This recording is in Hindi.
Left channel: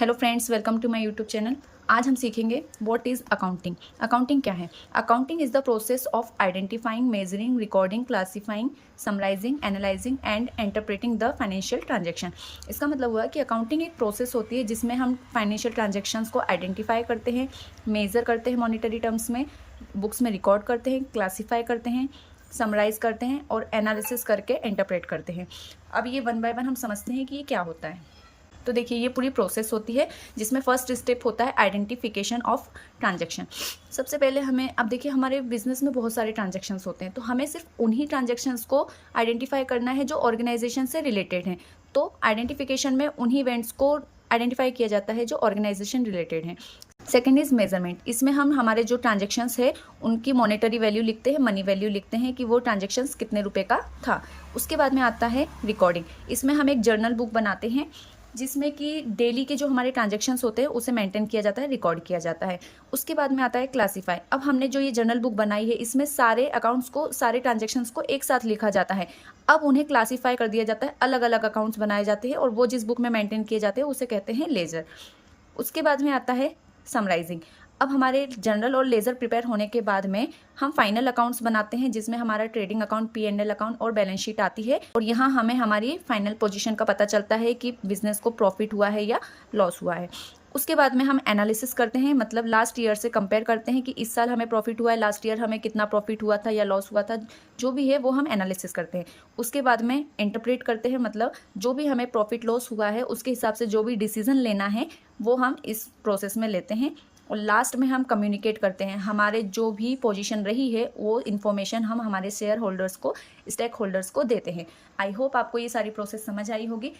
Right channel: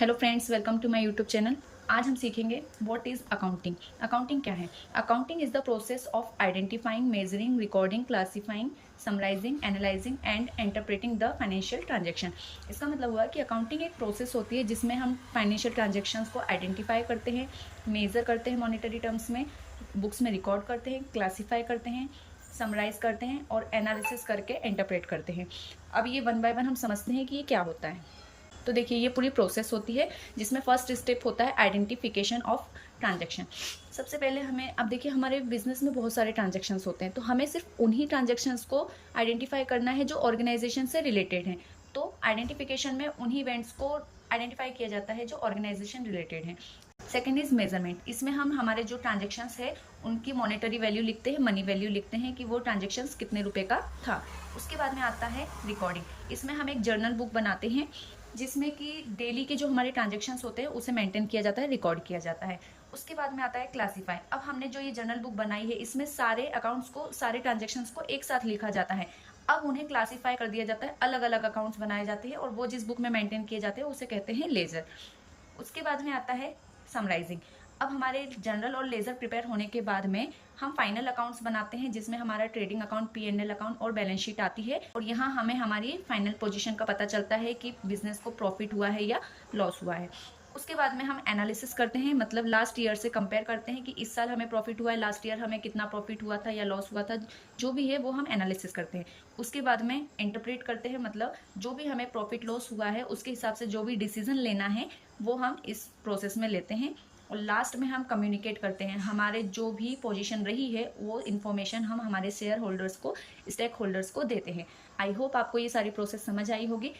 Hello friends, welcome to my YouTube channel. आज हम सीखेंगे व्हाट इज़ अकाउंटिंग। अकाउंटिंग क्या है? Accounting is the process of identifying, measuring, recording, classifying, summarising, analysing and interpreting the financial transaction. इसका मतलब हुआ कि अकाउंटिंग एक प्रोसेस होती है जिसमें हम फाइनेंशियल ट्रांजैक्शंस को आइडेंटिफाई करते हैं, मेज़र करते हैं मॉनेटरी टर्म्स में, बुक्स में रिकॉर्ड करते हैं, क्लासीफाई करते हैं, समराइज करते हैं और एनालिसिस करके इंटरप्रेट करते हैं। अब ये वन बाय वन हम समझते हैं कि ये क्या होता है। तो देखिए, ये पूरी प्रोसेस होती है जिसमें फर्स्ट स्टेप होता है आइडेंटिफिकेशन ऑफ ट्रांजैक्शन। सबसे पहले हमें, अब देखिए हमारे बिजनेस में बहुत सारे ट्रांजैक्शंस होते हैं, तो हमें सिर्फ उन्हीं ट्रांजैक्शंस को आइडेंटिफाई करना है जो ऑर्गेनाइजेशन से रिलेटेड हैं। तो आइडेंटिफिकेशन में उन्हीं इवेंट्स को आइडेंटिफाई किया जाता है जो ऑर्गेनाइजेशन रिलेटेड हैं। Second is measurement. इसमें हम हमारे जो ट्रांजेक्शन्स है उनकी मॉनेटरी वैल्यू लिखते हैं, मनी वैल्यू लिखते हैं कि वो ट्रांजेक्शन्स कितने रुपए का था। उसके बाद में आता है रिकॉर्डिंग। इसमें हम एक जर्नल बुक बनाते हैं जिसमें कि डेली के जो हमारे ट्रांजेक्शन्स होते हैं उसे मेंटेन किया जाता है, रिकॉर्ड किया जाता है। उसके बाद में आता है क्लासीफाई। अब हमने जो ये जर्नल बुक बनाई है इसमें सारे अकाउंट्स को, सारे ट्रांजेक्शन्स को एक साथ लिखा जाता है। अब उन्हें क्लासीफाई कर दिया जाता है, अलग अलग अकाउंट्स बनाए जाते हैं और वो जिस बुक में मेंटेन किए जाते हैं उसे कहते हैं लेजर। उसके बाद में आता है समराइजिंग। अब हमारे जनरल और लेजर प्रिपेयर होने के बाद में हम फाइनल अकाउंट्स बनाते हैं जिसमें हमारा ट्रेडिंग अकाउंट, P&L अकाउंट और बैलेंस शीट आती है और यहाँ हमें हमारी फाइनल पोजीशन का पता चलता है कि बिजनेस को प्रॉफिट हुआ है या लॉस हुआ है। उसके बाद में हम एनालिसिस करते हैं, मतलब लास्ट ईयर से कंपेयर करते हैं कि इस साल हमें प्रॉफिट हुआ है, लास्ट ईयर हमें कितना प्रॉफिट हुआ था या लॉस हुआ था, जो भी है वो हम एनालिसिस करते हैं। उसके बाद में इंटरप्रेट करते हैं, मतलब जो भी हमें प्रॉफिट लॉस हुआ है उसके हिसाब से जो भी डिसीजन लेना है वो हम इस प्रोसेस में लेते हैं। और लास्ट में हम कम्युनिकेट करते हैं, हमारे जो भी पोजीशन रही है वो इन्फॉर्मेशन हम हमारे शेयर होल्डर्स को, स्टेक होल्डर्स को देते हैं। आई होप आपको ये सारी प्रोसेस समझ आई होगी।